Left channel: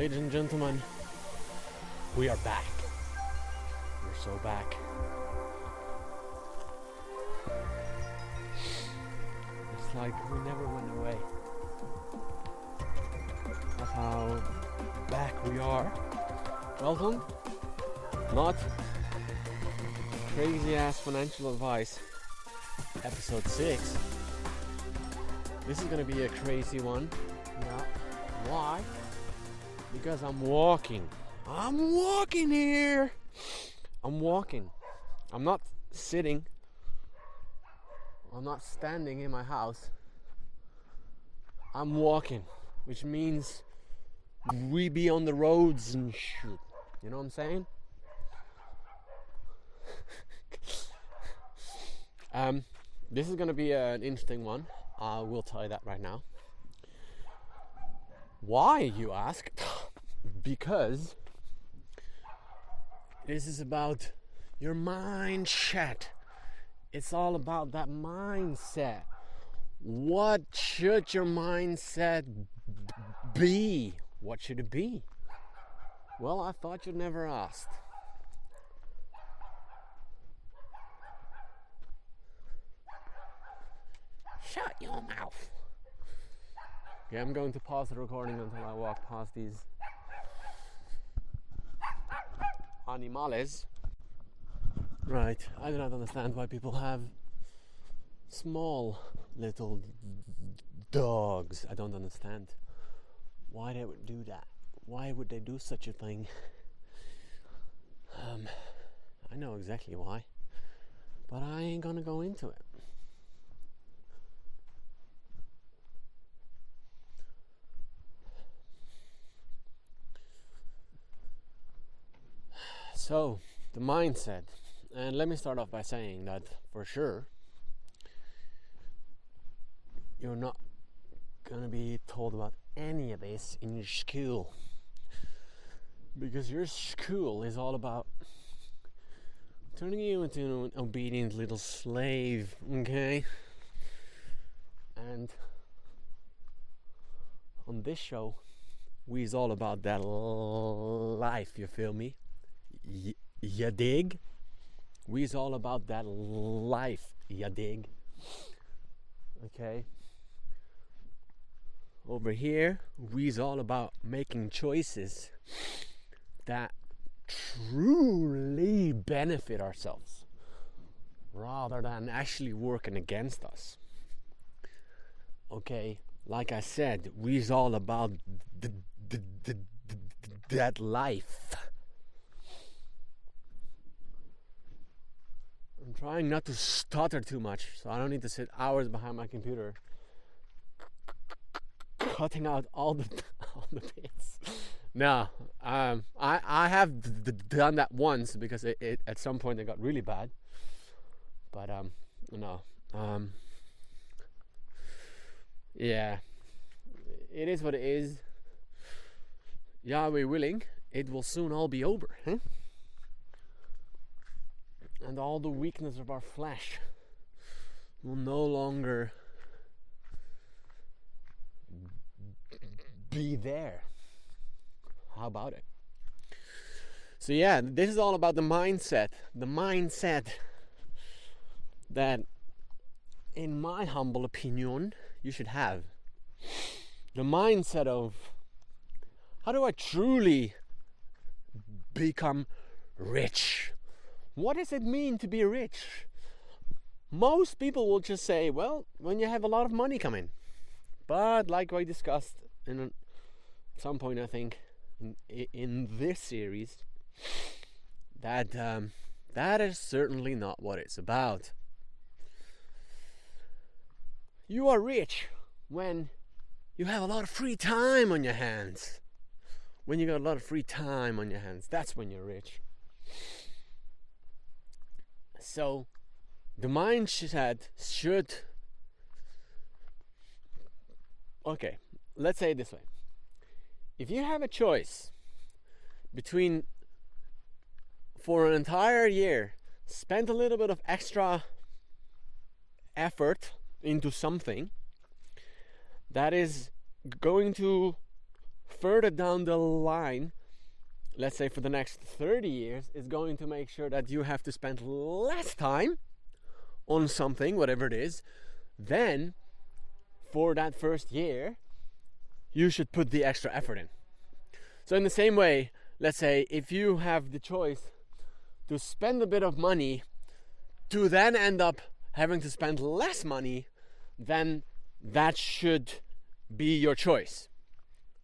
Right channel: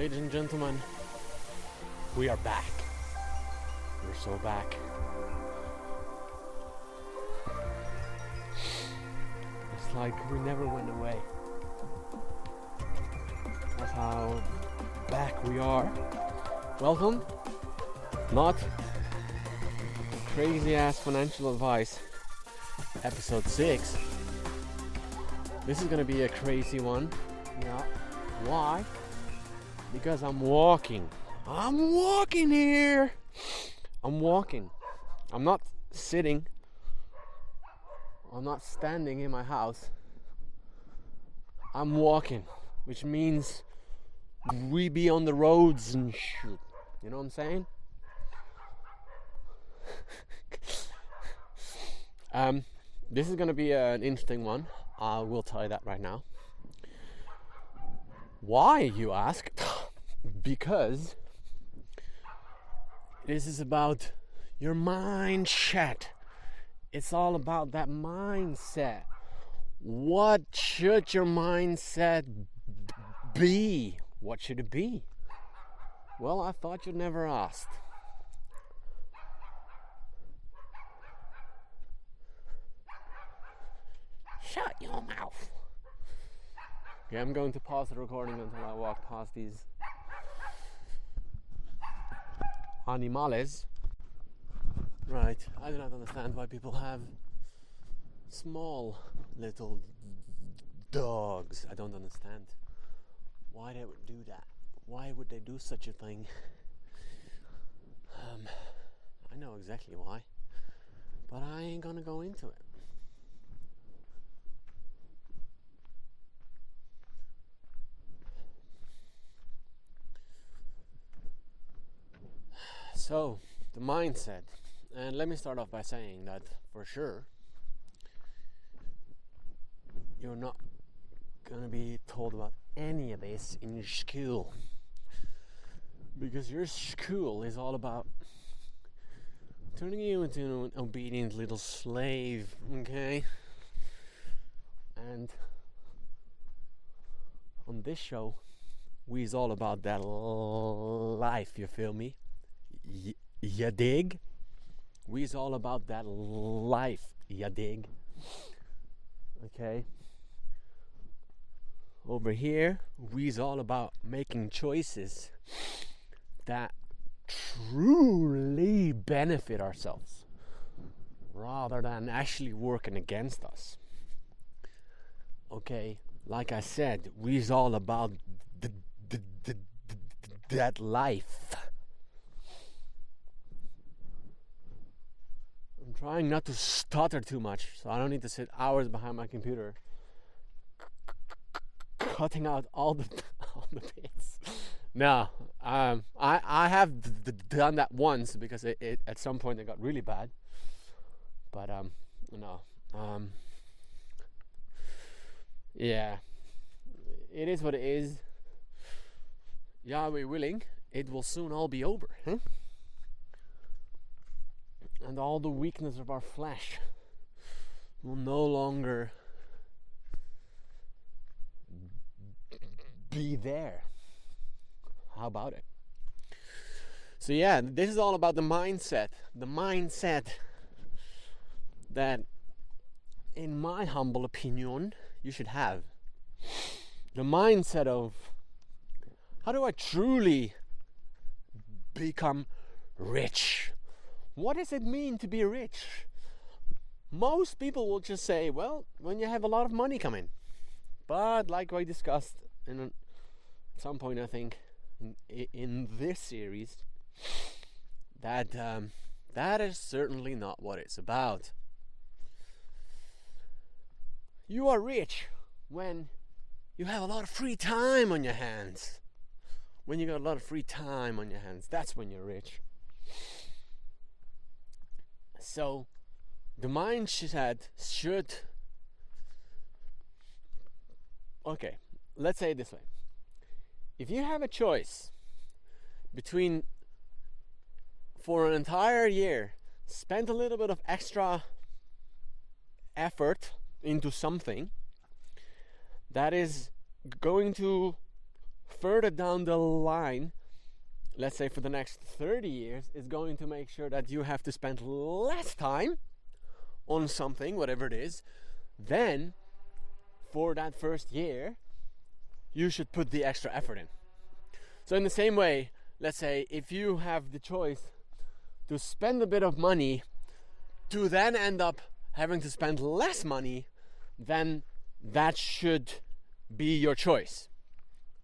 Ladies and gentlemen, we are back. We're so back. It's like we never went away. That's how back we are. Welcome. Not crazy ass financial advice. Episode 6. This is gonna be a crazy one. Yeah. Why? Because I'm walking. I'm walking here. I'm walking. I'm not sitting. I'm not standing in my house. I'm walking, which means we be on the roads and shoot. You know what I'm saying? This is gonna be an interesting one. I will tell you that right now. Why, you ask? Because this is about your mindset. It's all about that mindset. What should your mindset be? What should it be? Well, I thought you'd never asked. Shut your mouth. Okay, I'm going to pause the recording until I walk past these animales. Right, I do not understand why people have small little dogs. I don't understand why they would do that. Why would they do such a thing? I know exactly why, but I ain't gonna go into it. So, the mindset. And let me start off by saying that for sure, you're not going to be told about any of this in your school. Because your school is all about turning you into an obedient little slave, okay? And on this show, we is all about that life, you feel me? Ya dig? We's all about that life, ya dig? Okay? Over here, we's all about making choices that truly benefit ourselves rather than actually working against us. Okay? Like I said, we's all about that life. I'm trying not to stutter too much, so I don't need to sit hours behind my computer cutting out all the bits. No, I have done that once because it at some point it got really bad. But no, yeah, it is what it is. Yahweh willing, it will soon all be over, huh? And all the weakness of our flesh will no longer be there. How about it? So yeah, this is all about the mindset. The mindset that, in my humble opinion, you should have. The mindset of, how do I truly become rich? What does it mean to be rich? Most people will just say, well, when you have a lot of money coming. But like I discussed at some point, I think, in this series, that that is certainly not what it's about. You are rich when you have a lot of free time on your hands. When you got a lot of free time on your hands, that's when you're rich. So, the mindset should... Okay, let's say it this way. If you have a choice between, for an entire year, spend a little bit of extra effort into something that is going to further down the line, let's say for the next 30 years, is going to make sure that you have to spend less time on something, whatever it is, then for that first year, you should put the extra effort in. So in the same way, let's say if you have the choice to spend a bit of money to then end up having to spend less money, then that should be your choice.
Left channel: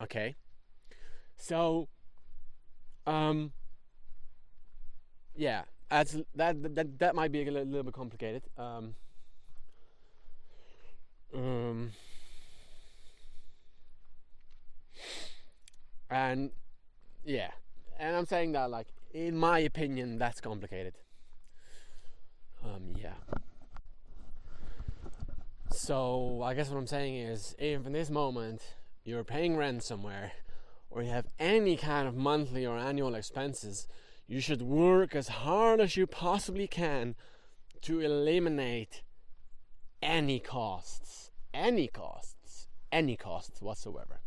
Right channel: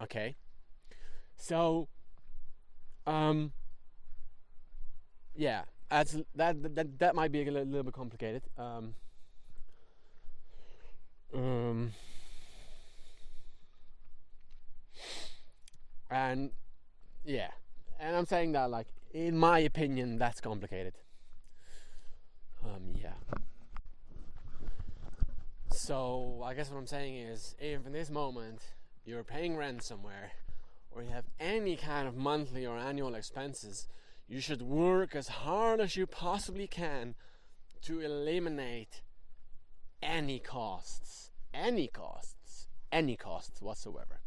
Okay? So, yeah, that might be a little bit complicated. And yeah, and I'm saying that like in my opinion that's complicated. Yeah. So I guess what I'm saying is, if in this moment you're paying rent somewhere, or you have any kind of monthly or annual expenses, you should work as hard as you possibly can to eliminate any costs whatsoever.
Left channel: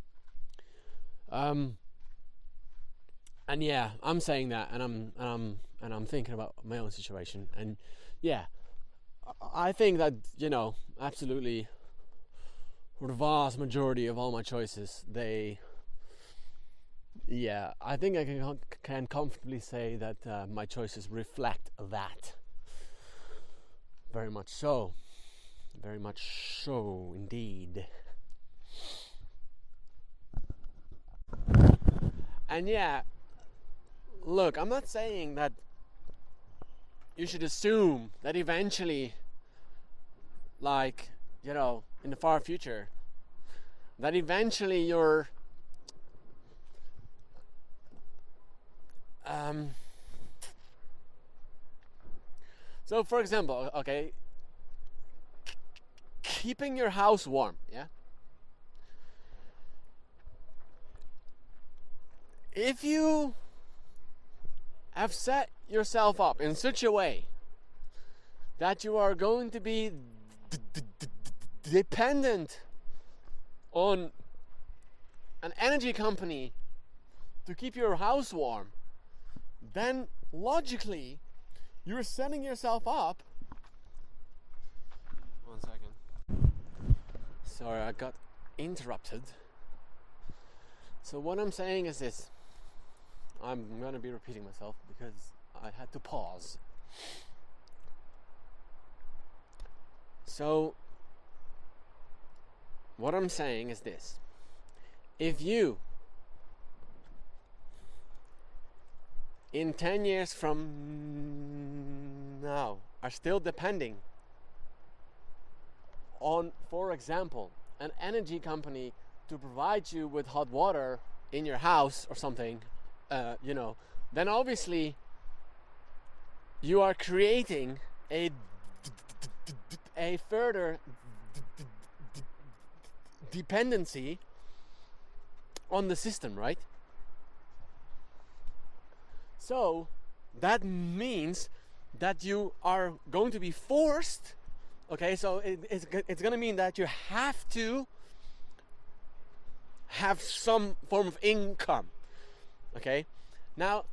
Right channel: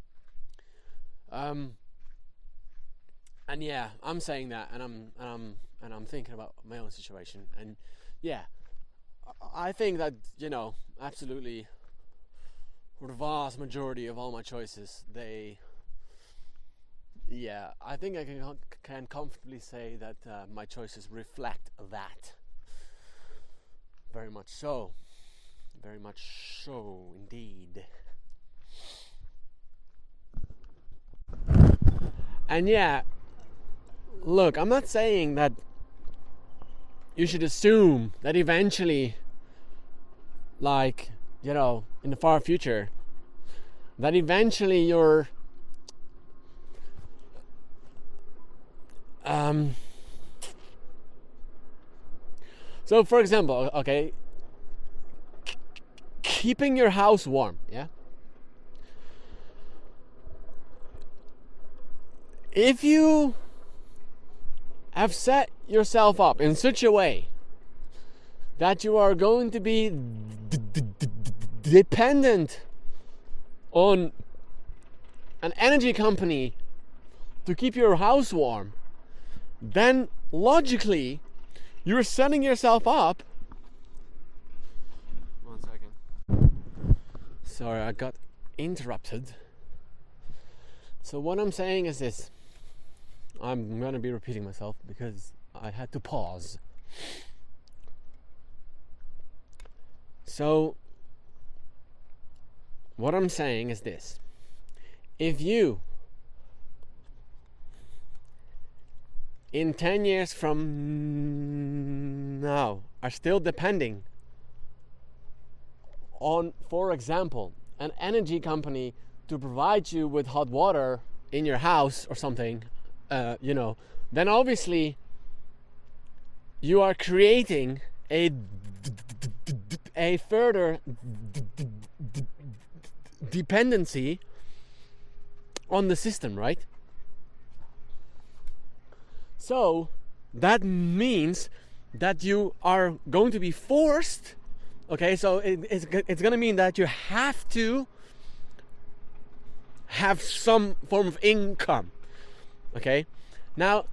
And yeah, I'm saying that, and I'm thinking about my own situation, and yeah, I think that, you know, absolutely, for the vast majority of all my choices, I think I can comfortably say that my choices reflect that. Very much so indeed. And yeah, look, I'm not saying that you should assume that eventually, like, you know, in the far future, that eventually you're so for example, okay, keeping your house warm, yeah? If you have set yourself up in such a way that you are going to be dependent on an energy company to keep your house warm, then logically you're setting yourself up. 1 second. Sorry, I got interrupted. So what I'm saying is this. I'm going to be repeating myself because I had to pause. So what I'm saying is this. If you, in 10 years from now, are still depending on, for example, an energy company to provide you with hot water in your house or something, you know, then obviously you are creating a further dependency on the system, right? So that means that you are going to be forced, okay, so it's going to mean that you have to have some form of income, okay? Now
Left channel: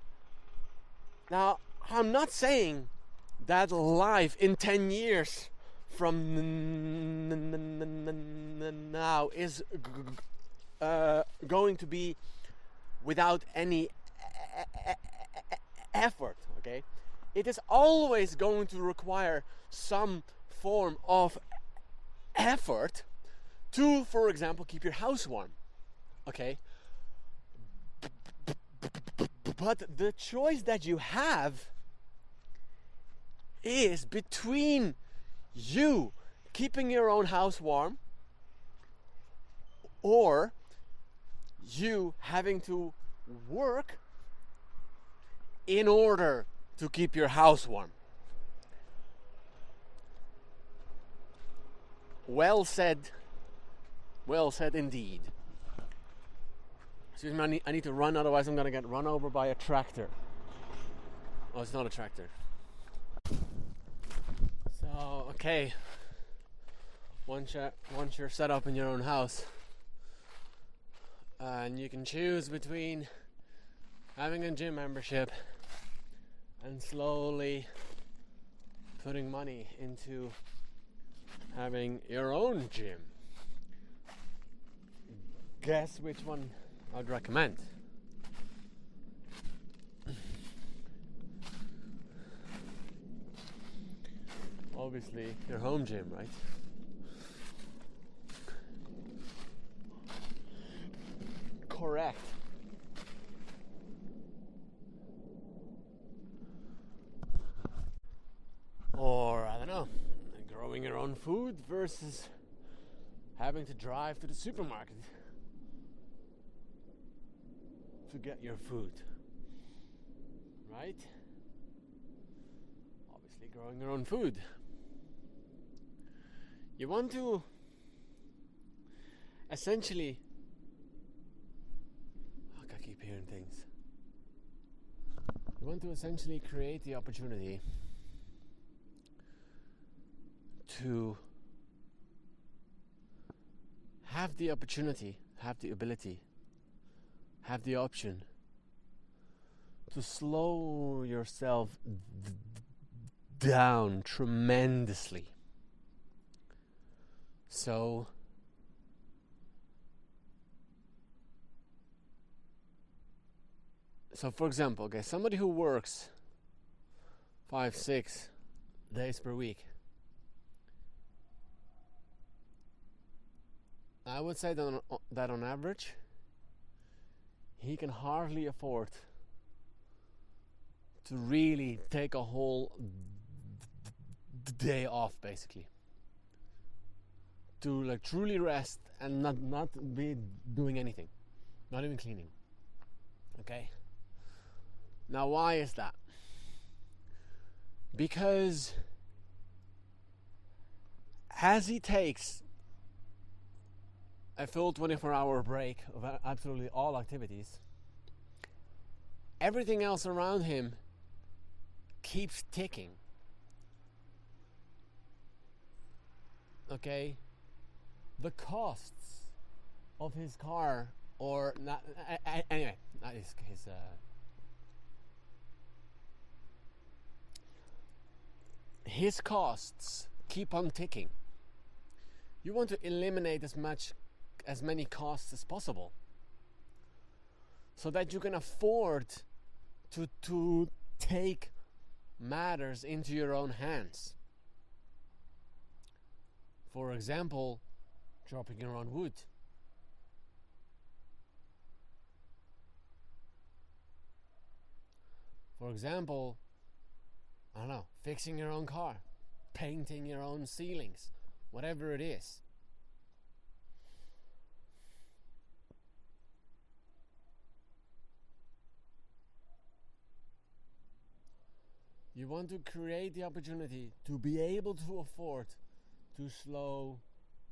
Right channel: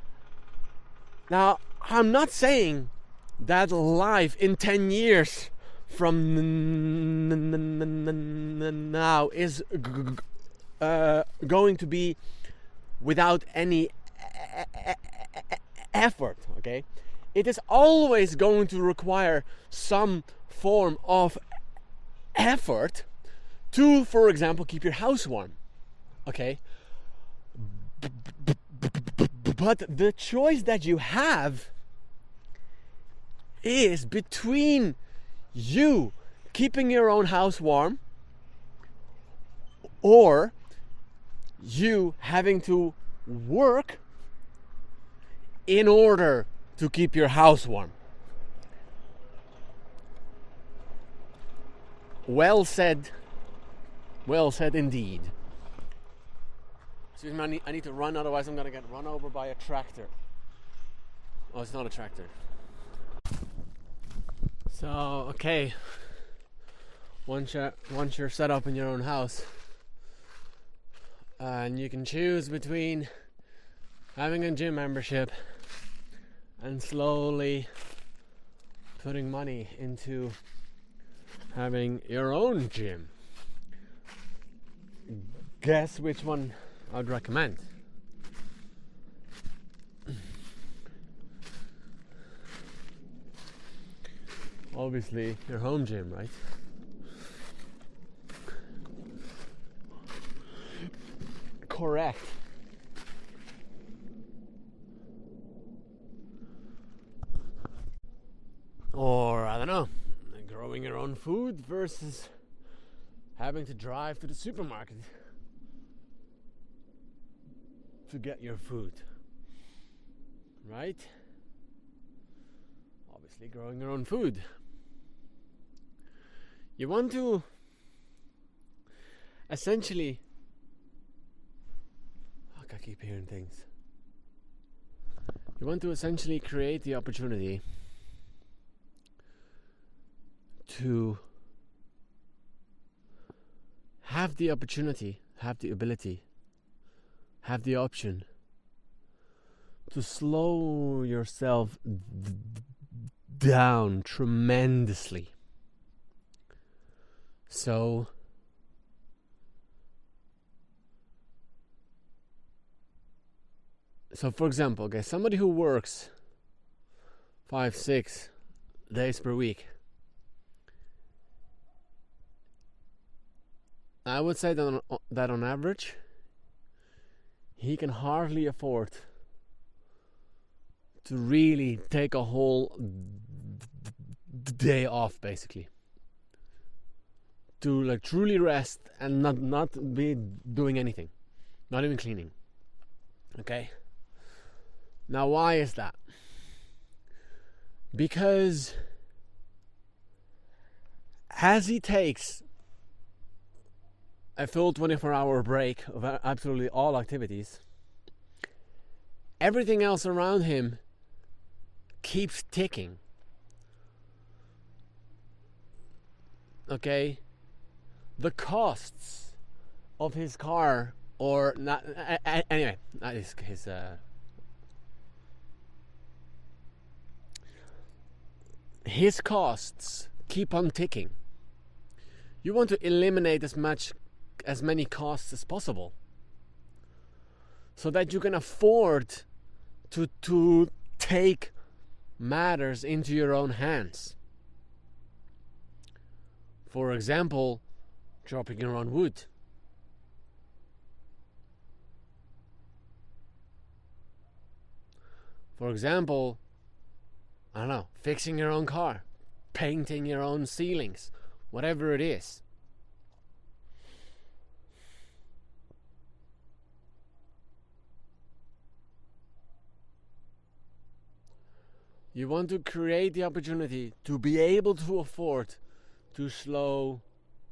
I'm not saying that life in 10 years from now is going to be without any effort, okay? It is always going to require some form of effort to, for example, keep your house warm, okay? But the choice that you have is between you keeping your own house warm or you having to work in order to keep your house warm. Well said indeed. Excuse me, I need to run, otherwise I'm going to get run over by a tractor. Oh, it's not a tractor. So, okay. Once you're set up in your own house, And you can choose between having a gym membership and slowly putting money into having your own gym. Guess which one I'd recommend? Obviously, your home gym, right? Correct. Or, I don't know, growing your own food versus having to drive to the supermarket to get your food. Right? Obviously, growing your own food. You want to essentially... Fuck, I keep hearing things. You want to essentially create the opportunity to have the opportunity, have the ability, have the option to slow yourself down tremendously. So for example, okay, somebody who works 5-6 days per week, I would say that on average, he can hardly afford to really take a whole day off, basically, to like truly rest and not be doing anything, not even cleaning. Okay. Now, why is that? Because as he takes a full 24-hour break of absolutely all activities, everything else around him keeps ticking. Okay? The costs of his car, or not, anyway, not his costs keep on ticking. You want to eliminate as many costs as possible, so that you can afford to take matters into your own hands. For example, chopping your own wood. For example, I don't know, fixing your own car, painting your own ceilings, whatever it is. You want to create the opportunity to be able to afford to slow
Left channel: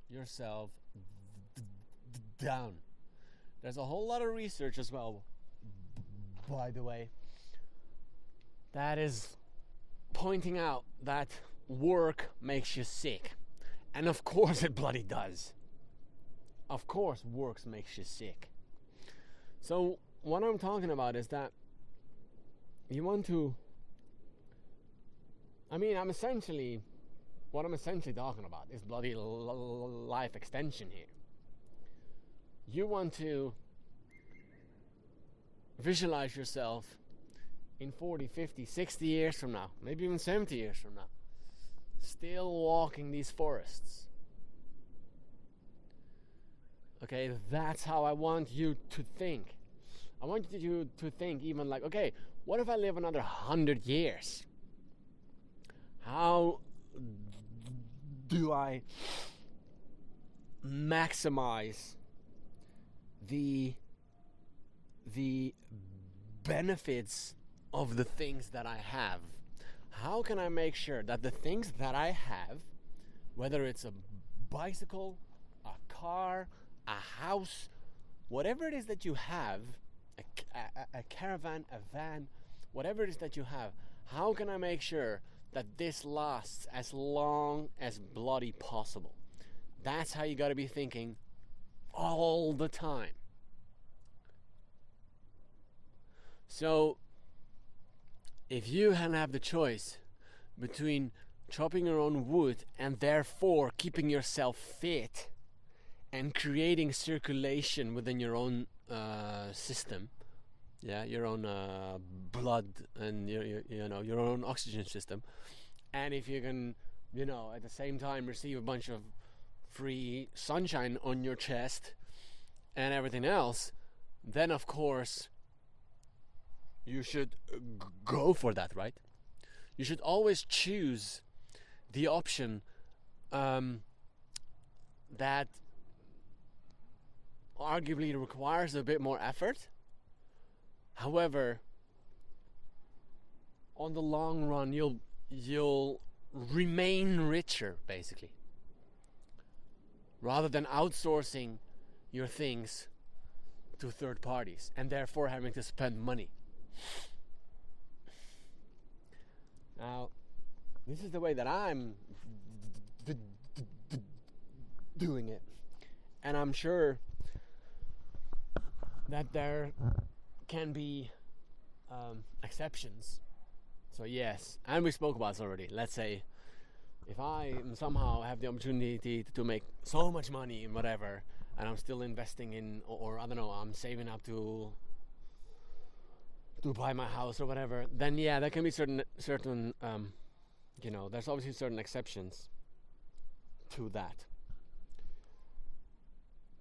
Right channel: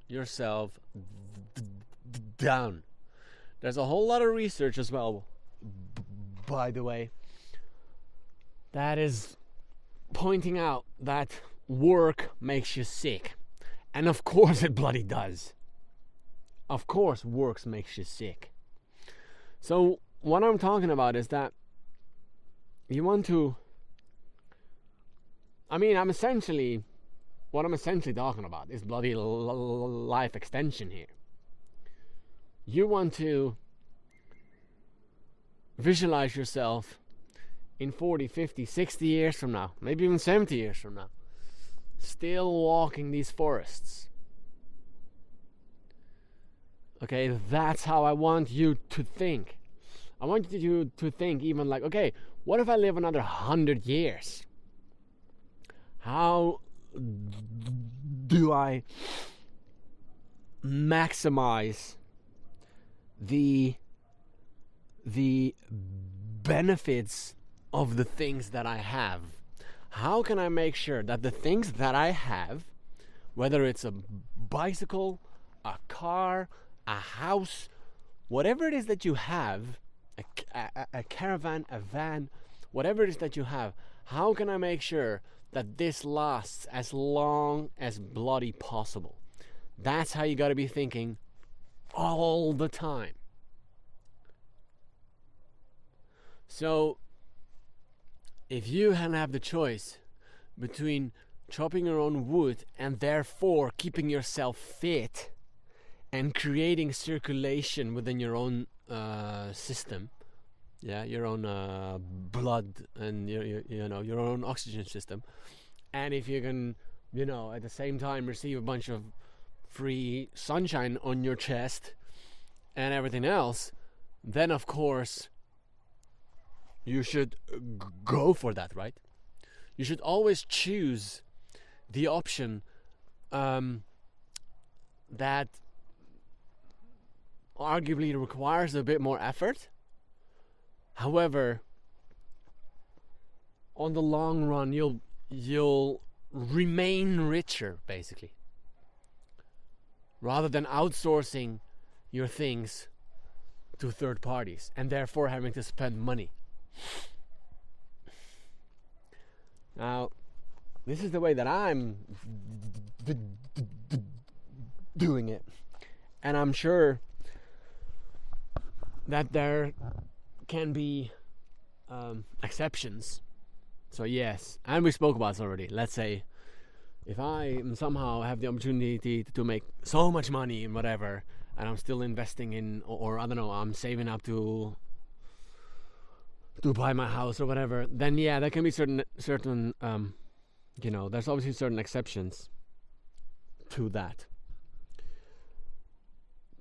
yourself down. There's a whole lot of research as well, by the way, that is pointing out that work makes you sick. And of course it bloody does. Of course work makes you sick. So what I'm talking about is that you want to... what I'm essentially talking about is bloody life extension here. You want to visualize yourself in 40, 50, 60 years from now, maybe even 70 years from now, still walking these forests. Okay, that's how I want you to think. I want you to think even like, okay, what if I live another 100 years? How do I maximize the benefits of the things that I have? How can I make sure that the things that I have, whether it's a bicycle, a car, a house, whatever it is that you have, a caravan, a van, whatever it is that you have, how can I make sure that this lasts as long as bloody possible? That's how you got to be thinking all the time. So if you have the choice between chopping your own wood and therefore keeping yourself fit and creating circulation within your own system, your own blood and your own oxygen system, and if you can, at the same time receive a bunch of free sunshine on your chest and everything else, then of course you should go for that, right? You should always choose the option that arguably requires a bit more effort. However, on the long run, you'll remain richer, basically, rather than outsourcing your things to third parties and therefore having to spend money. Now, this is the way that I'm doing it, and I'm sure that there can be exceptions. So yes, and we spoke about this already. Let's say if I somehow have the opportunity to make so much money and whatever, and I'm still investing in, or I don't know, I'm saving up to buy my house or whatever, then yeah, there can be certain there's obviously certain exceptions to that.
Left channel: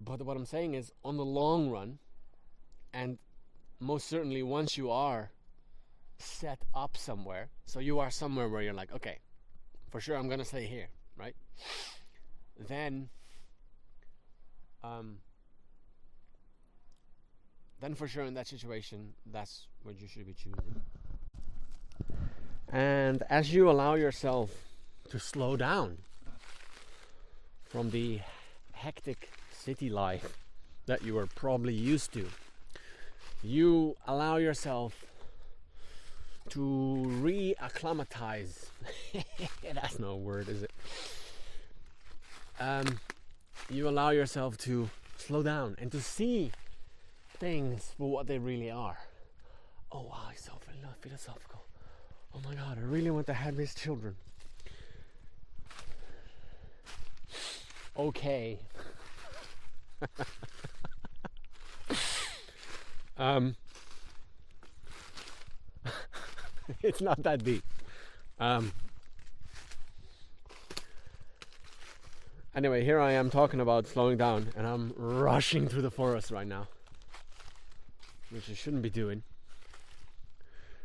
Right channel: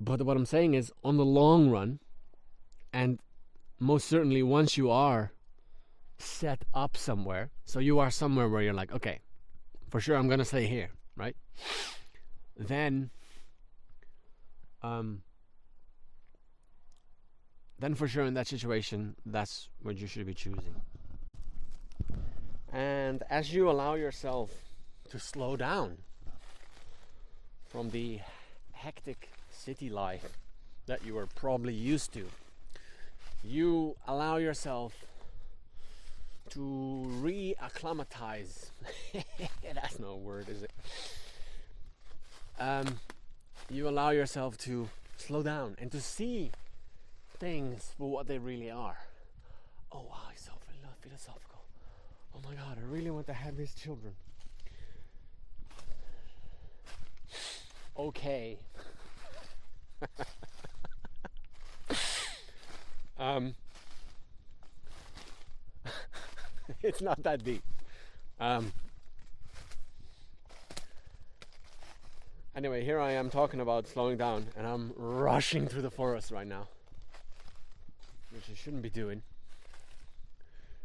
But what I'm saying is, on the long run, and most certainly once you are set up somewhere, so you are somewhere where you're like, okay, for sure I'm gonna stay here, right? Then for sure in that situation, that's what you should be choosing. And as you allow yourself to slow down from the hectic city life that you are probably used to, you allow yourself to re-acclimatize. That's no word, is it? You allow yourself to slow down and to see things for what they really are. Oh wow, it's so philosophical. Oh my god, I really want to have these children. Okay. It's not that deep. Anyway, here I am talking about slowing down, and I'm rushing through the forest right now, which I shouldn't be doing.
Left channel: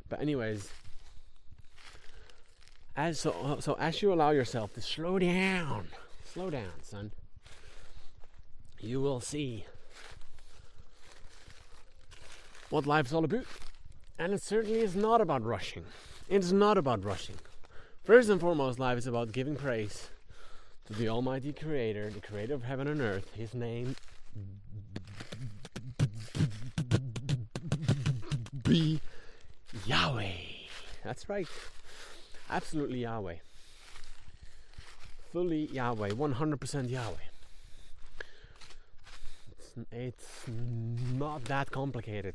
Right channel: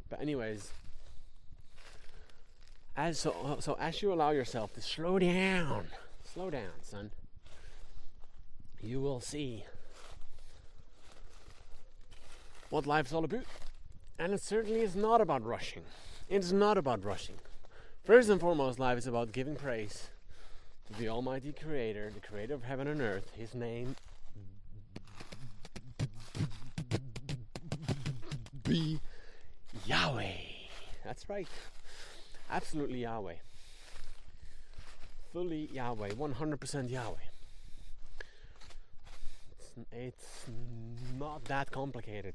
But anyways, as you allow yourself to slow down, son, you will see what life's all about. And it certainly is not about rushing. It's not about rushing. First and foremost, life is about giving praise to the Almighty Creator, the Creator of heaven and earth. His name be Yahweh. That's right. Absolutely Yahweh. Fully Yahweh. 100% Yahweh. It's not that complicated.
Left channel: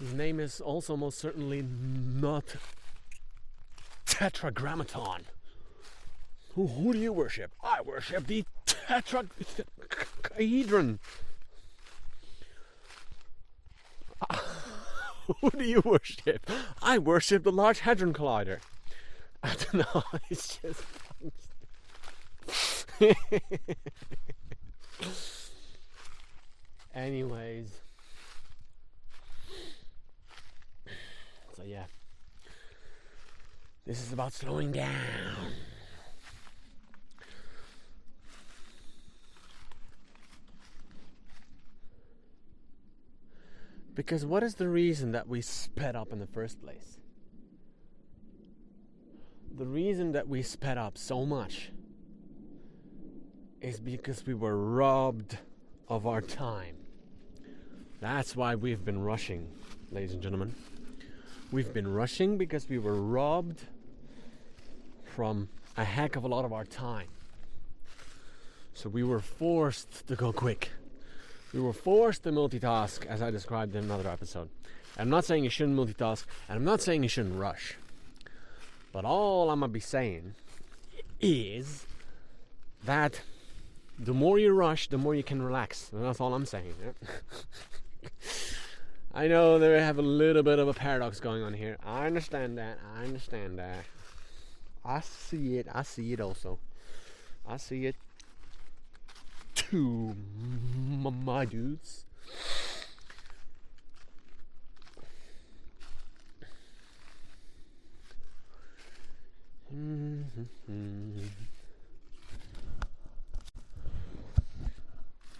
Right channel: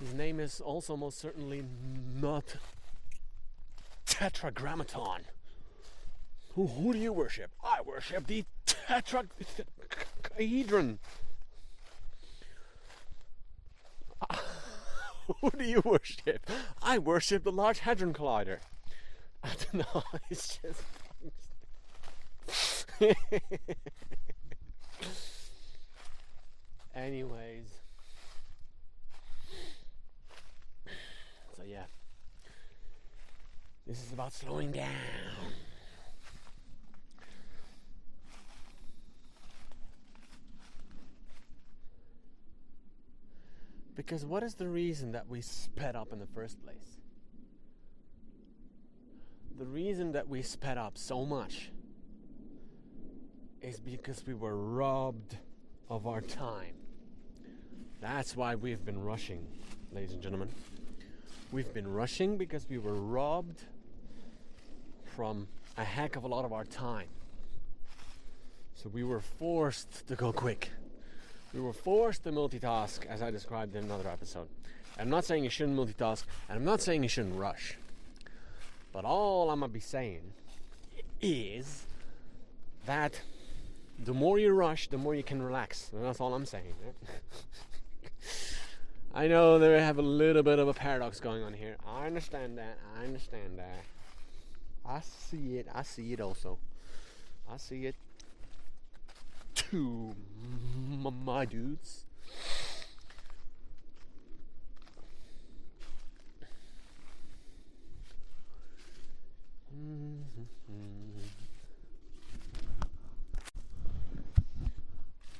His name is also most certainly not Tetragrammaton. Who do you worship? I worship the Tetrahedron. Who do you worship? I worship the Large Hadron Collider. I don't know, it's just fucking stupid. Anyways. So yeah. This is about slowing down. Because what is the reason that we sped up in the first place? The reason that we sped up so much is because we were robbed of our time. That's why we've been rushing, ladies and gentlemen. We've been rushing because we were robbed from a heck of a lot of our time. So we were forced to go quick. We were forced to multitask, as I described in another episode. I'm not saying you shouldn't multitask, and I'm not saying you shouldn't rush. But all I'm going to be saying is that the more you rush, the more you can relax. And that's all I'm saying. Yeah? I know they have a little bit of a paradox going on here. I understand that. I see it also. I see it too, my dudes.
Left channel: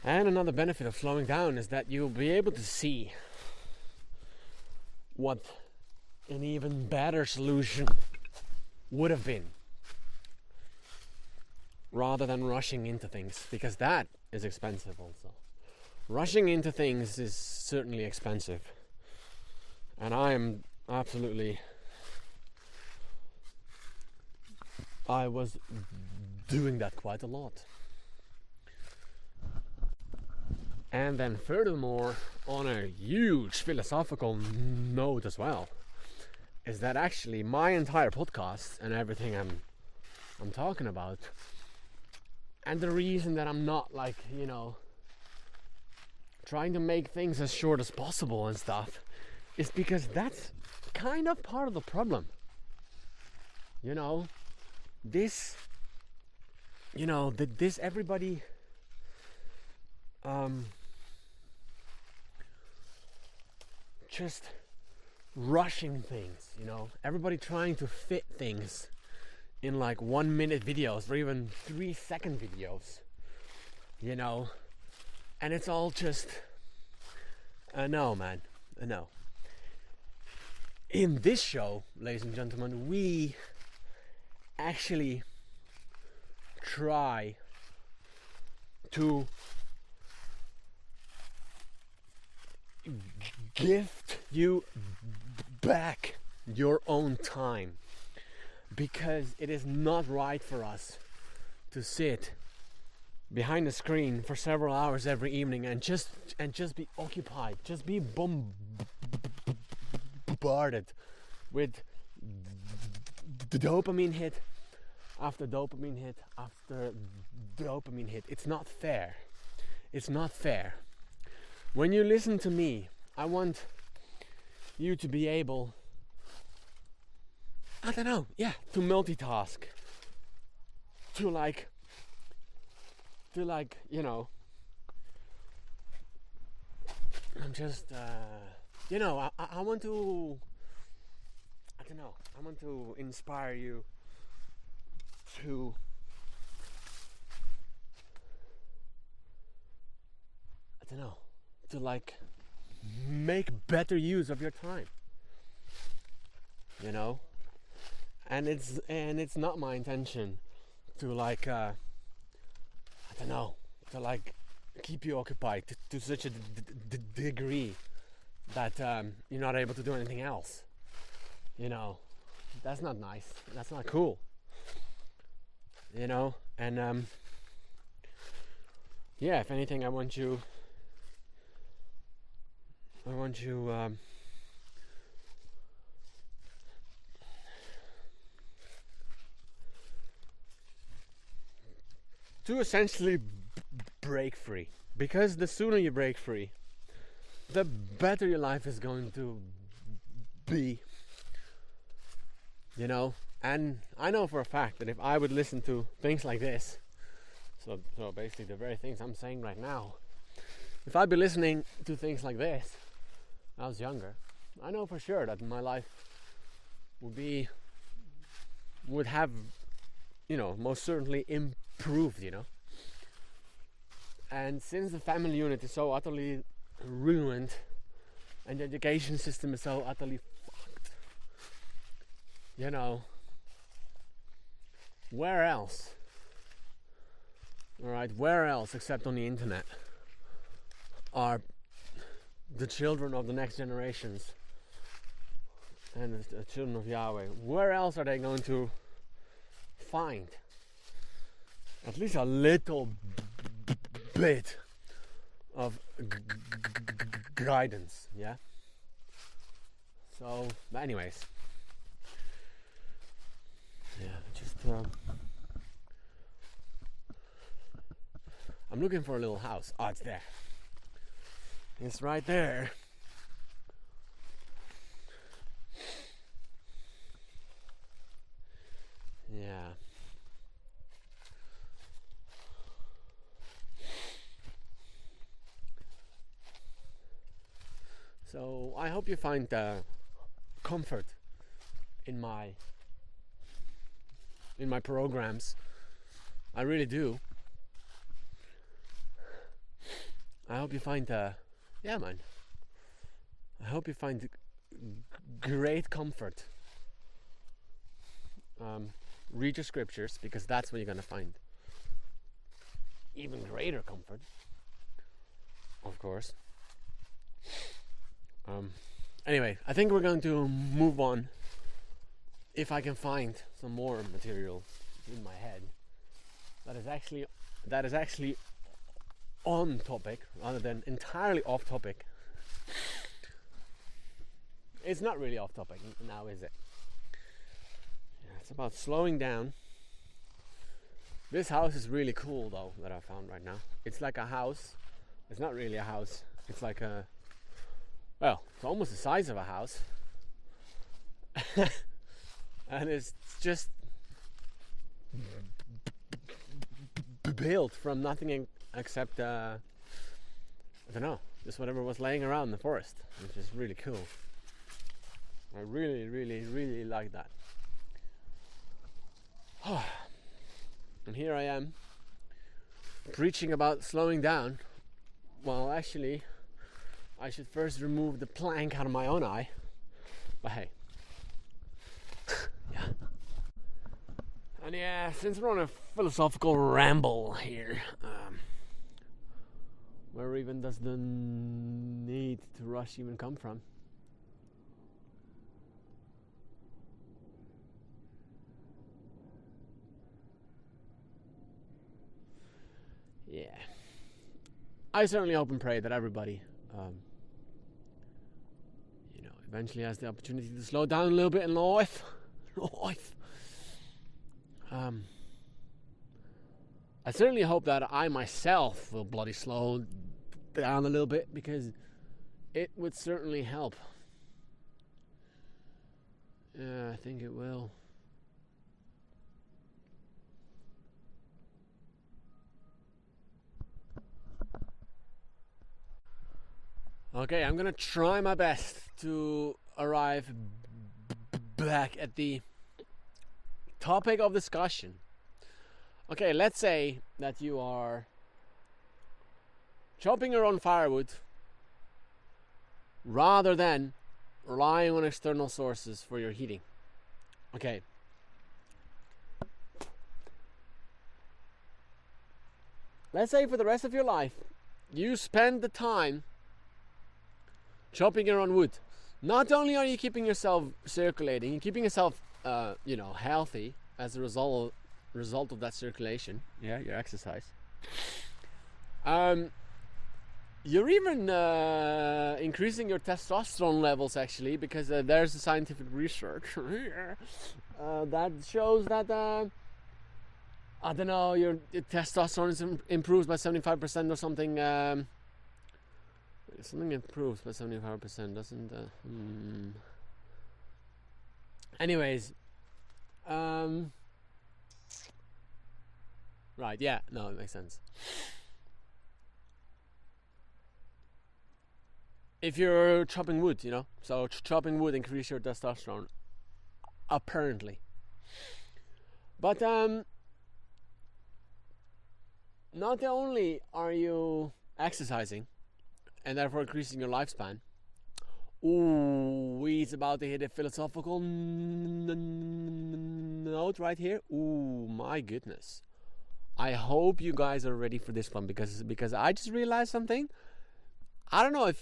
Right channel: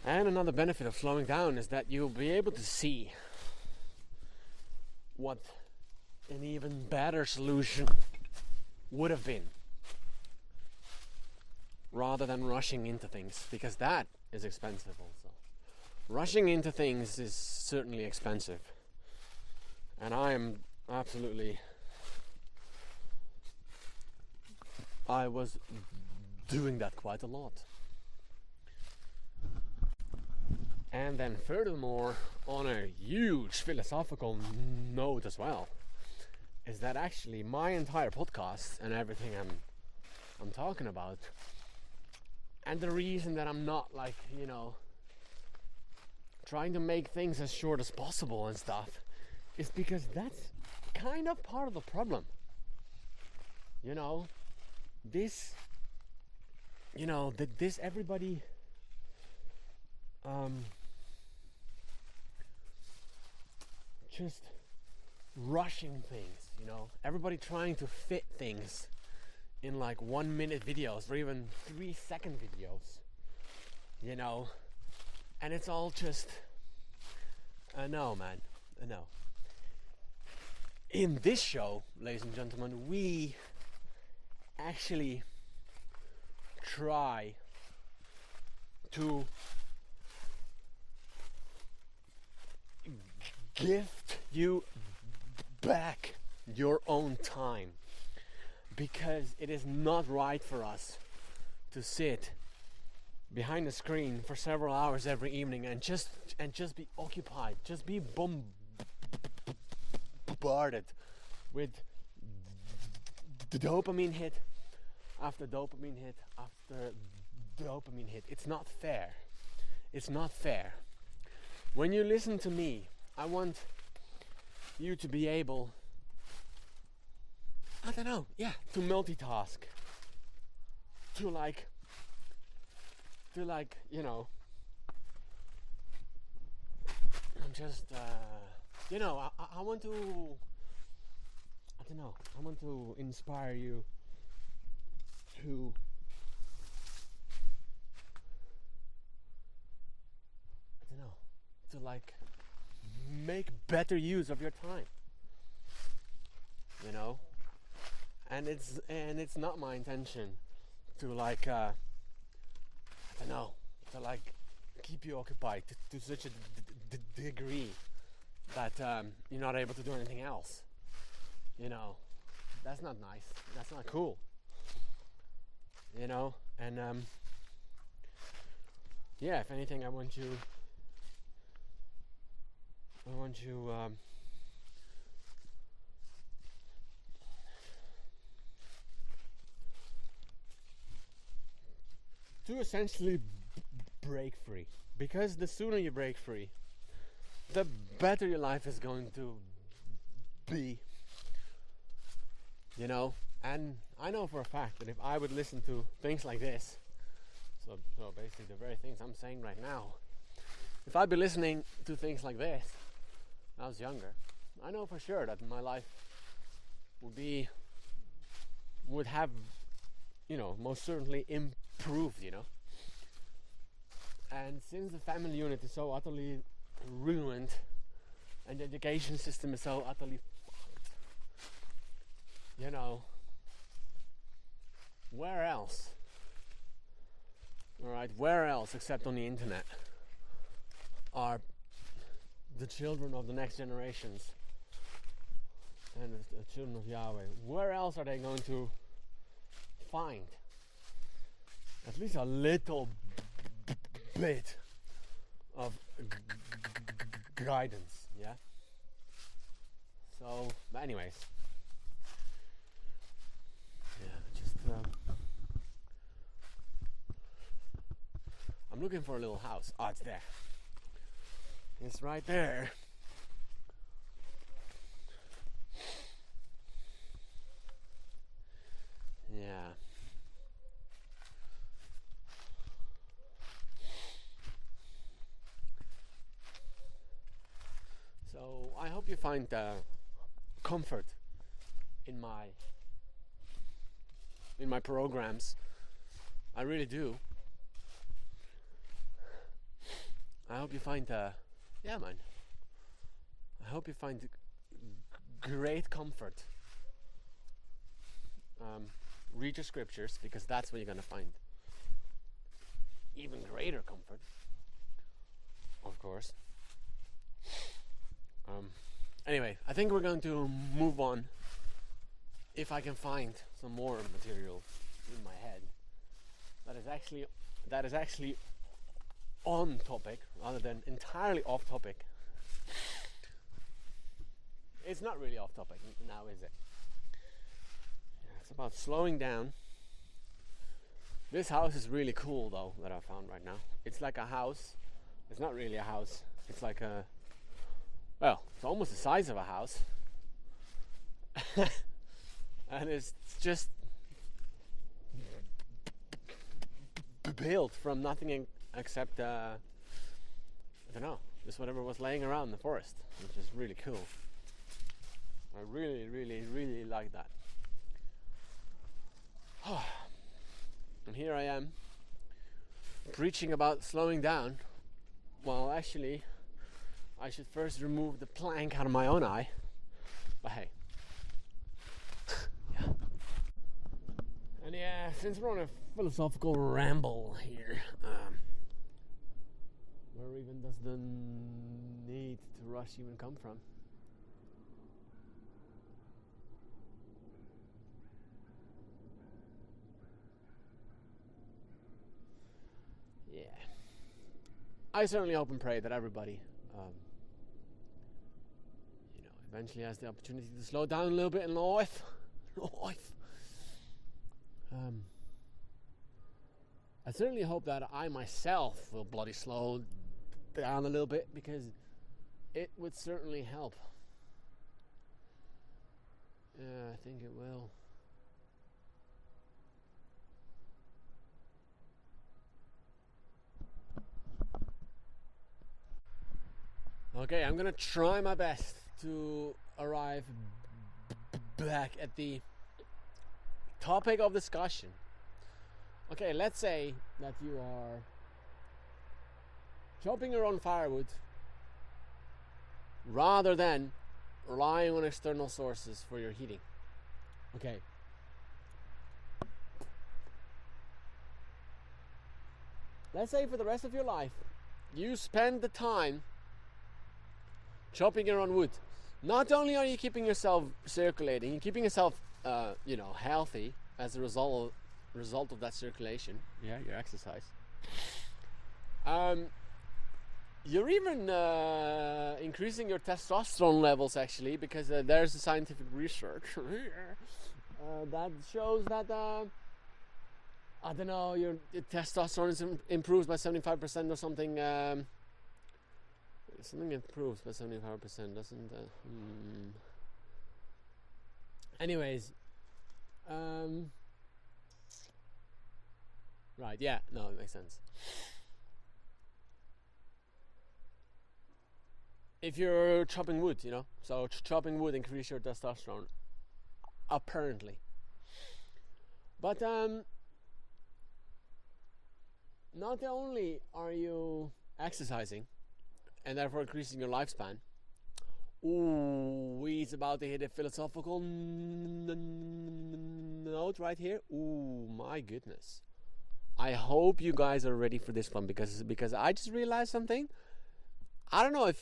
And another benefit of slowing down is that you'll be able to see what an even better solution would have been, rather than rushing into things, because that is expensive also. Rushing into things is certainly expensive, and I was doing that quite a lot. And then furthermore, on a huge philosophical note as well, is that actually my entire podcast and everything I'm talking about, and the reason that I'm not trying to make things as short as possible and stuff, is because that's kind of part of the problem. This everybody just rushing things, everybody trying to fit things in 1 minute videos or even 3-second videos, and it's all just no, man, no. In this show, ladies and gentlemen, we actually try to gift you back your own time, because it is not right for us to sit behind a screen for several hours every evening and just be occupied, just be bombarded with the dopamine hit after dopamine hit after dopamine hit. It's not fair. When you listen to me, I want you to be able, to multitask, to I'm just, I want to, I want to inspire you to make better use of your time, and it's not my intention to keep you occupied to such a degree that you're not able to do anything else. That's not nice. That's not cool. And if anything, I want you to essentially break free, because the sooner you break free, the better your life is going to be, and I know for a fact that if I would listen to things like this, so basically the very things I'm saying right now, if I'd be listening to things like this when I was younger, I know for sure that my life would have most certainly improved, and since the family unit is so utterly ruined and the education system is so utterly fucked, where else except on the internet are the children of the next generations and the children of Yahweh? Where else are they going to find at least a little bit of guidance. Yeah. So, but anyways, yeah, just I'm looking for a little house. Oh, it's there. It's right there. Yeah. So I hope you find comfort in my programs. I really do. I hope you find yeah, man. I hope you find great comfort. Read your scriptures, because that's where you're gonna find even greater comfort, of course. Anyway, I think we're going to move on. If I can find some more material in my head that is actually on topic rather than entirely off topic. It's not really off topic now, is it? Yeah, it's about slowing down. This house is really cool though, that I found right now. It's like a house. It's not really a house. It's like a, well, it's almost the size of a house. And it's just built from nothing except I don't know, just whatever was laying around in the forest, which is really cool. I really, really, really like that. And here I am preaching about slowing down. Well, actually, I should first remove the plank out of my own eye. But hey, yeah. And yeah, since we're on a philosophical ramble here, where even does the need to rush even come from? Yeah. I certainly hope and pray that everybody, eventually has the opportunity to slow down a little bit in life. I certainly hope that I myself will bloody slow down a little bit, because it would certainly help. Yeah, I think it will. Okay, I'm gonna try my best to arrive back at the topic of discussion. Okay, let's say that you are chopping your own firewood rather than relying on external sources for your heating. Okay. Let's say for the rest of your life, you spend the time chopping your own wood. Not only are you keeping yourself circulating, you're keeping yourself, healthy as a result of that circulation. Yeah, your exercise. You're even increasing your testosterone levels, actually, because there's a scientific research that shows that I don't know, your testosterone improves by 75% or something. Something improves by 75%, doesn't? Anyways, right? Yeah, no, it makes sense. If you're chopping wood, so chopping wood increases your testosterone, apparently. But not only are you exercising and therefore increasing your lifespan. Ooh, he's about to hit a philosophical note right here. Ooh, my goodness. I hope you guys are ready for this one, because I just realized something. I don't know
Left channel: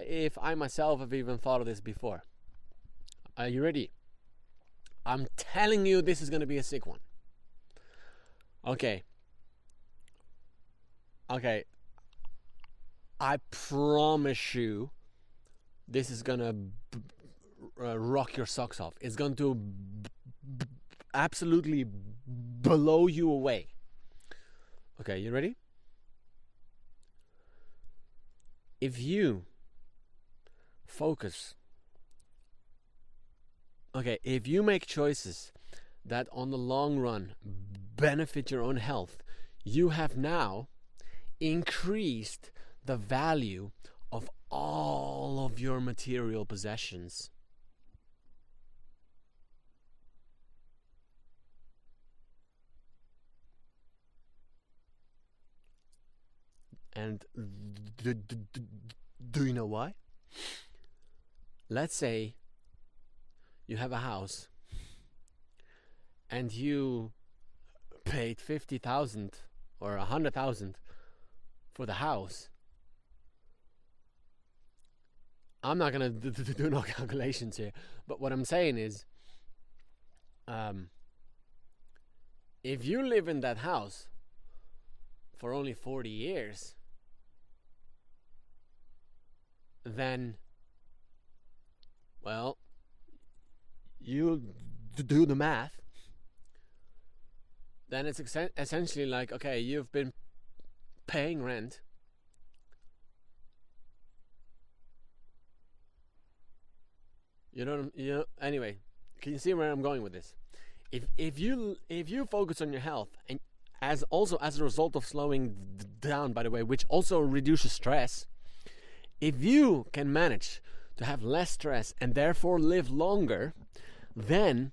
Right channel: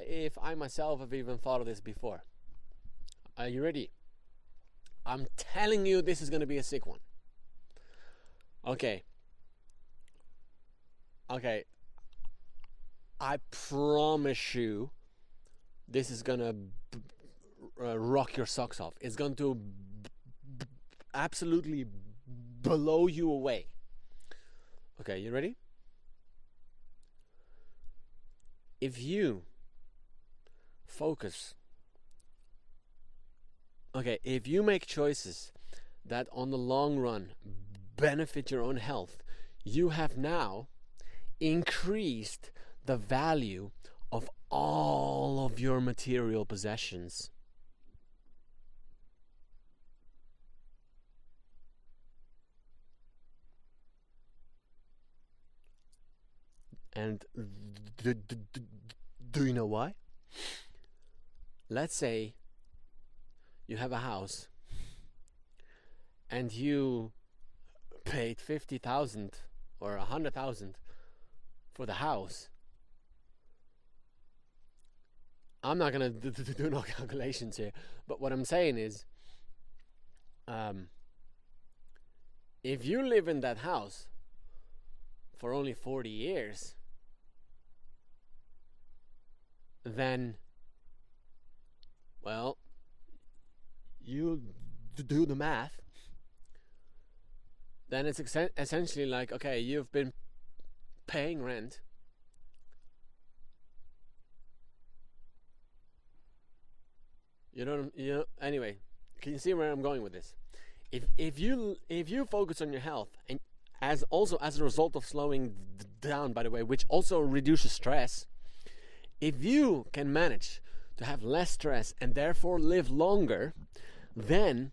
if I myself have even thought of this before. Are you ready? I'm telling you, this is going to be a sick one. Okay. I promise you, this is gonna rock your socks off. It's going to absolutely blow you away. Okay, you ready? If you focus, if you make choices that on the long run benefit your own health, you have now increased the value of all of your material possessions. And do you know why? Let's say you have a house and you paid 50,000 or 100,000 for the house. I'm not gonna do no calculations here, but what I'm saying is, if you live in that house for only 40 years, then, well, you do the math, then it's essentially like, okay, you've been paying rent anyway, can you see where I'm going with this? If you focus on your health, and as a result of slowing down, by the way, which also reduces stress, if you can manage to have less stress and therefore live longer, then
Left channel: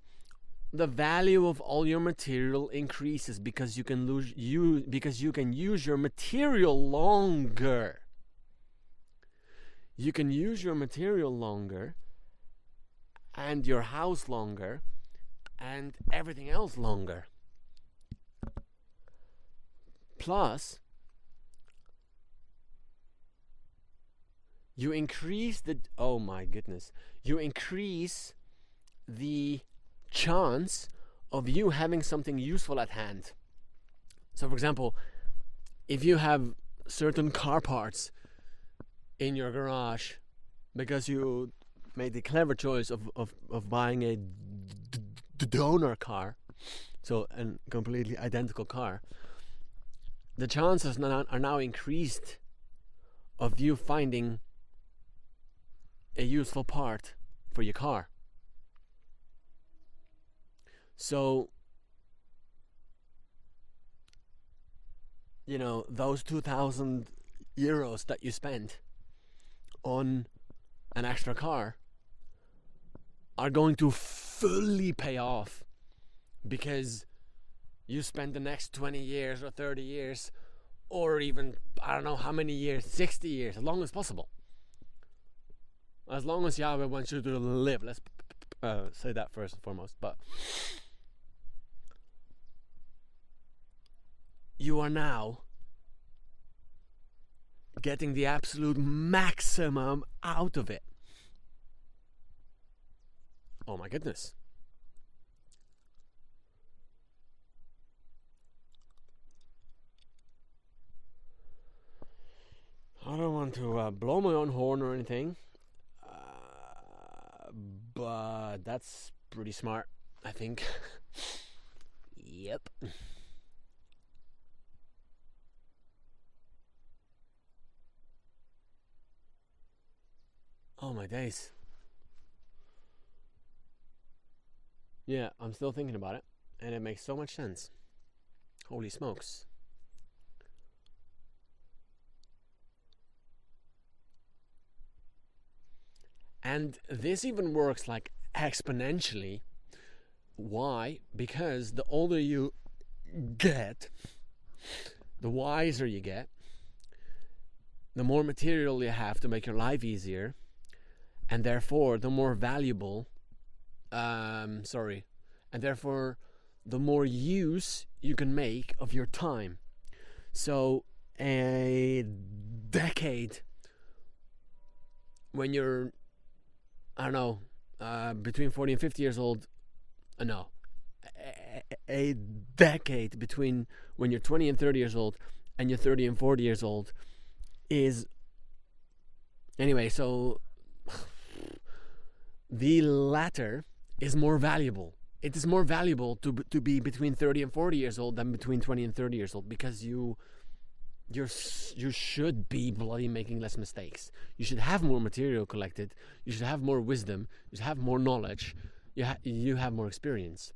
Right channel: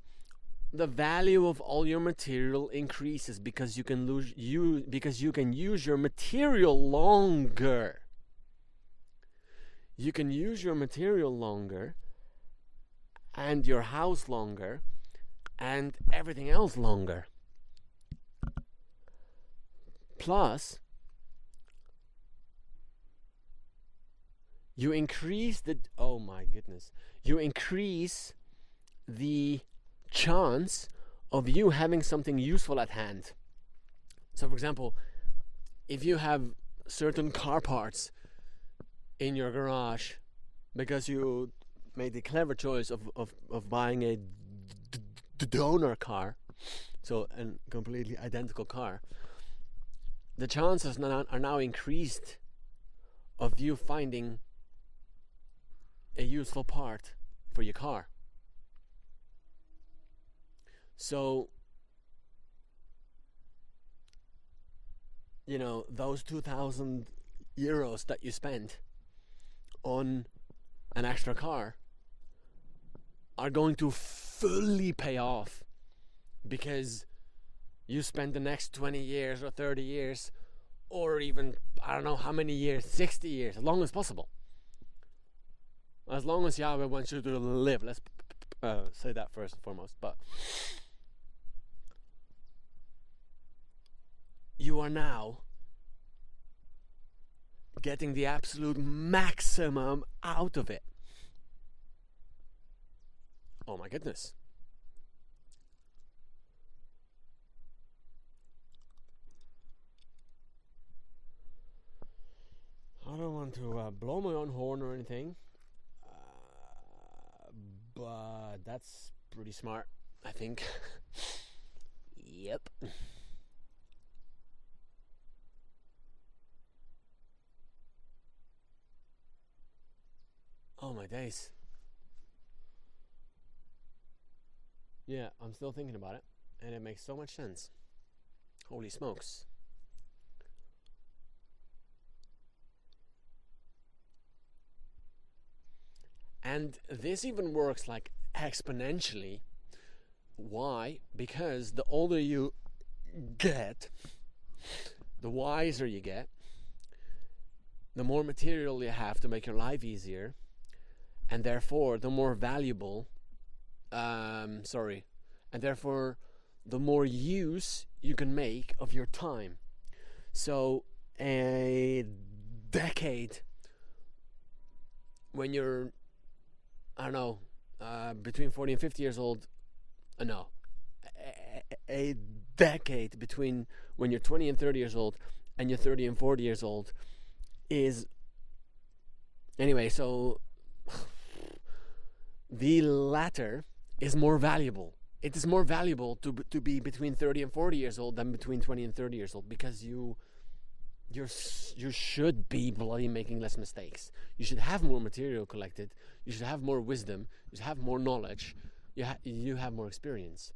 the value of all your material increases because you can use your material longer. You can use your material longer and your house longer and everything else longer. Plus, you increase the chance of you having something useful at hand. So, for example, if you have certain car parts in your garage because you made the clever choice of buying a donor car, so a completely identical car, the chances are now increased of you finding a useful part for your car. So, those 2,000 euros that you spent on an extra car are going to fully pay off because you spend the next 20 years or 30 years or even, I don't know how many years, 60 years, as long as possible. As long as Yahweh wants you to live. Let's say that first and foremost. But you are now getting the absolute maximum out of it. Oh my goodness. I don't want to blow my own horn or anything, but that's pretty smart, I think. Yep. Oh my days. Yeah, I'm still thinking about it, and it makes so much sense. Holy smokes. And this even works like exponentially. Why? Because the older you get, the wiser you get, the more material you have to make your life easier, and therefore the more valuable, and therefore the more use you can make of your time. So a decade when you're, I don't know, between 40 and 50 years old, a decade between when you're 20 and 30 years old and you're 30 and 40 years old is Anyway, so the latter is more valuable. It is more valuable to be between 30 and 40 years old than between 20 and 30 years old, because you should be bloody making less mistakes. You should have more material collected. You should have more wisdom. You should have more knowledge. You have more experience.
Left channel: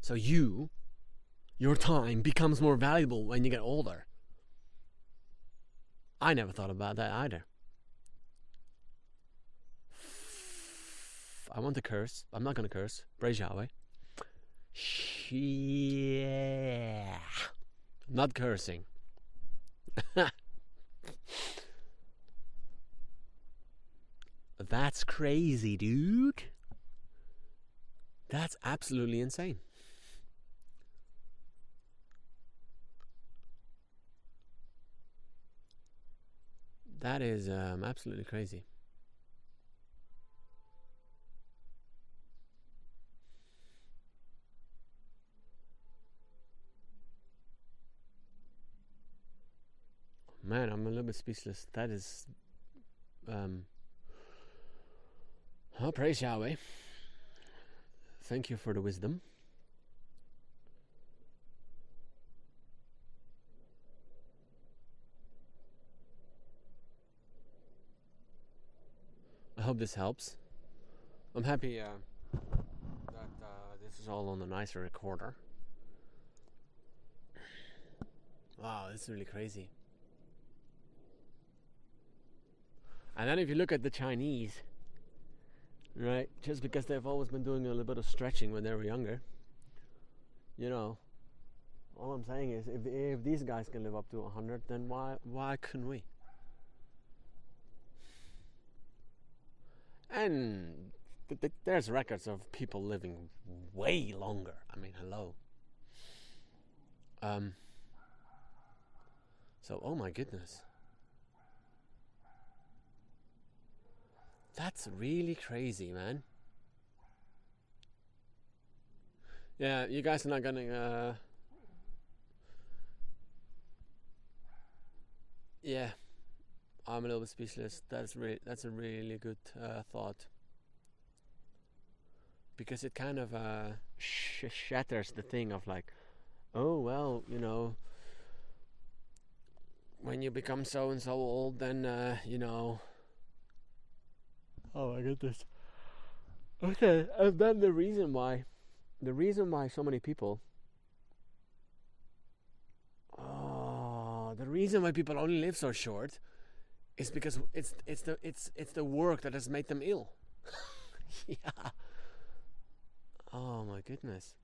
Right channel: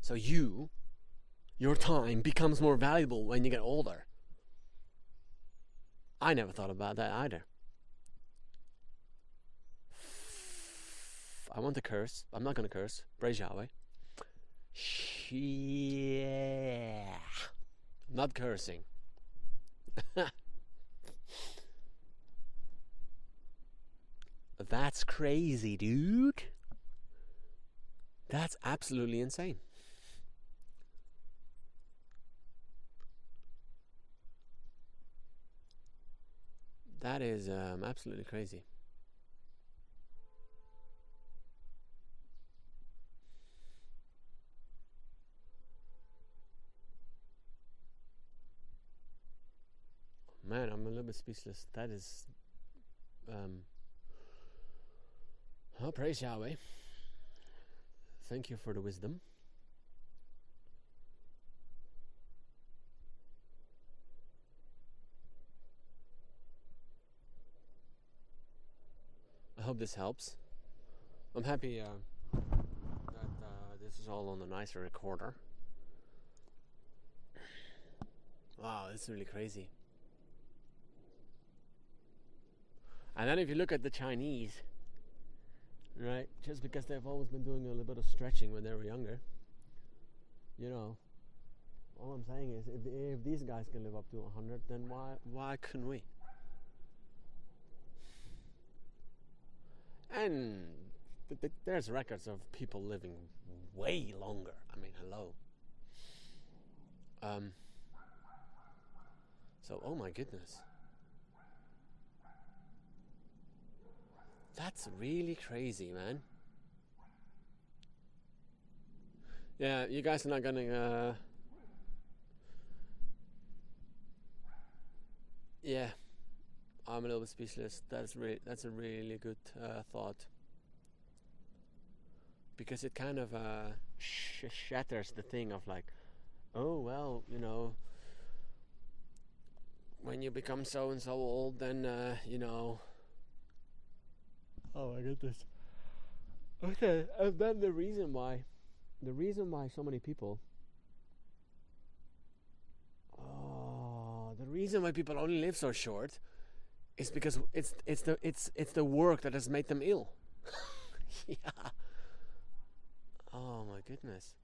So your time becomes more valuable when you get older. I never thought about that either. I want to curse. I'm not going to curse. Praise Yahweh. Yeah. Not cursing. That's crazy, dude. That's absolutely insane. That is absolutely crazy. Man, I'm a little bit speechless. That is... oh, praise Yahweh. Thank you for the wisdom. I hope this helps. I'm happy that this is all on a nicer recorder. Wow, this is really crazy. And then if you look at the Chinese, right, just because they've always been doing a little bit of stretching when they were younger, you know, all I'm saying is if these guys can live up to 100, then why couldn't we? And there's records of people living way longer. I mean, hello. So, oh my goodness. That's really crazy, man. Yeah, you guys are not gonna... yeah, I'm a little bit speechless. That's a really good thought. Because it kind of shatters the thing of like, oh, well, you know, when you become so and so old, then, you know... Oh my goodness. Okay, and then the reason why so many people... the reason why people only live so short is because it's the work that has made them ill. Yeah. Oh my goodness.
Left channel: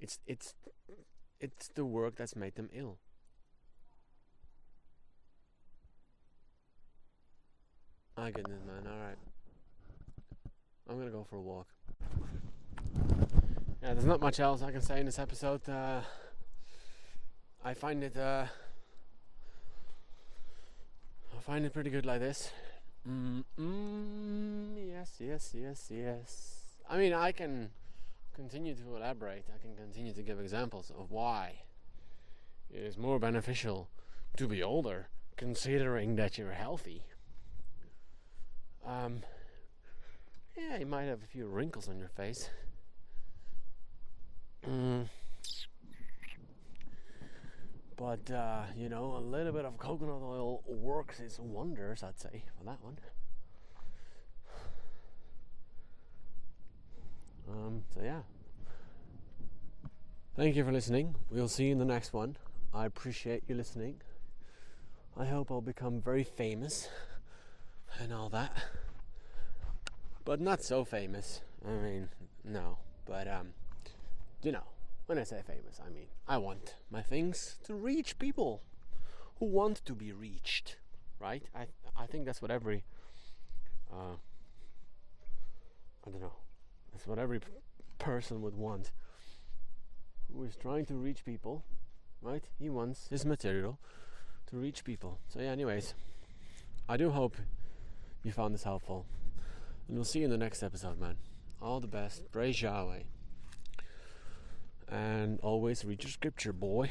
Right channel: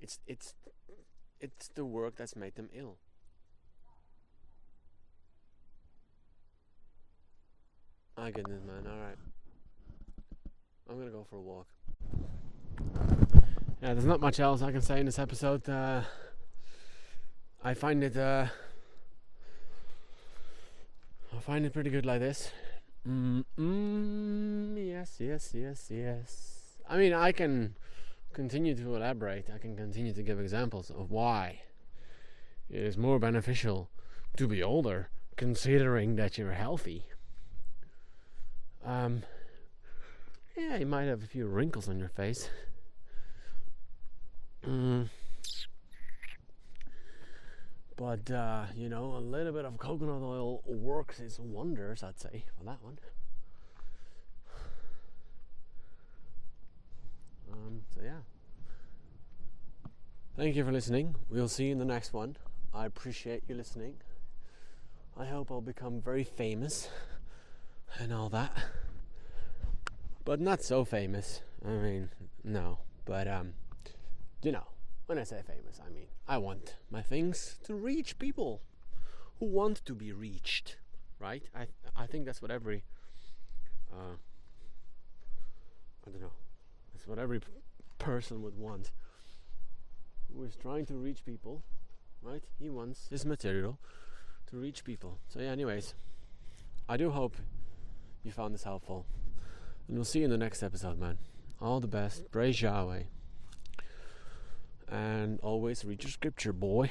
It's the work that's made them ill. My goodness, man. All right. I'm gonna go for a walk. Yeah, there's not much else I can say in this episode. I find it pretty good like this. Yes. I mean, I can continue to elaborate. I can continue to give examples of why it is more beneficial to be older, considering that you're healthy. Yeah, you might have a few wrinkles on your face. But, you know, a little bit of coconut oil works its wonders, I'd say, for that one. So, yeah. Thank you for listening. We'll see you in the next one. I appreciate you listening. I hope I'll become very famous and all that. But not so famous. I mean, no. But, you know, when I say famous, I mean, I want my things to reach people who want to be reached, right? I think that's what every, I don't know, that's what every person would want who is trying to reach people, right? He wants his material to reach people. So yeah, anyways, I do hope you found this helpful. And we'll see you in the next episode, man. All the best. Praise Yahweh. And always read your scripture, boy.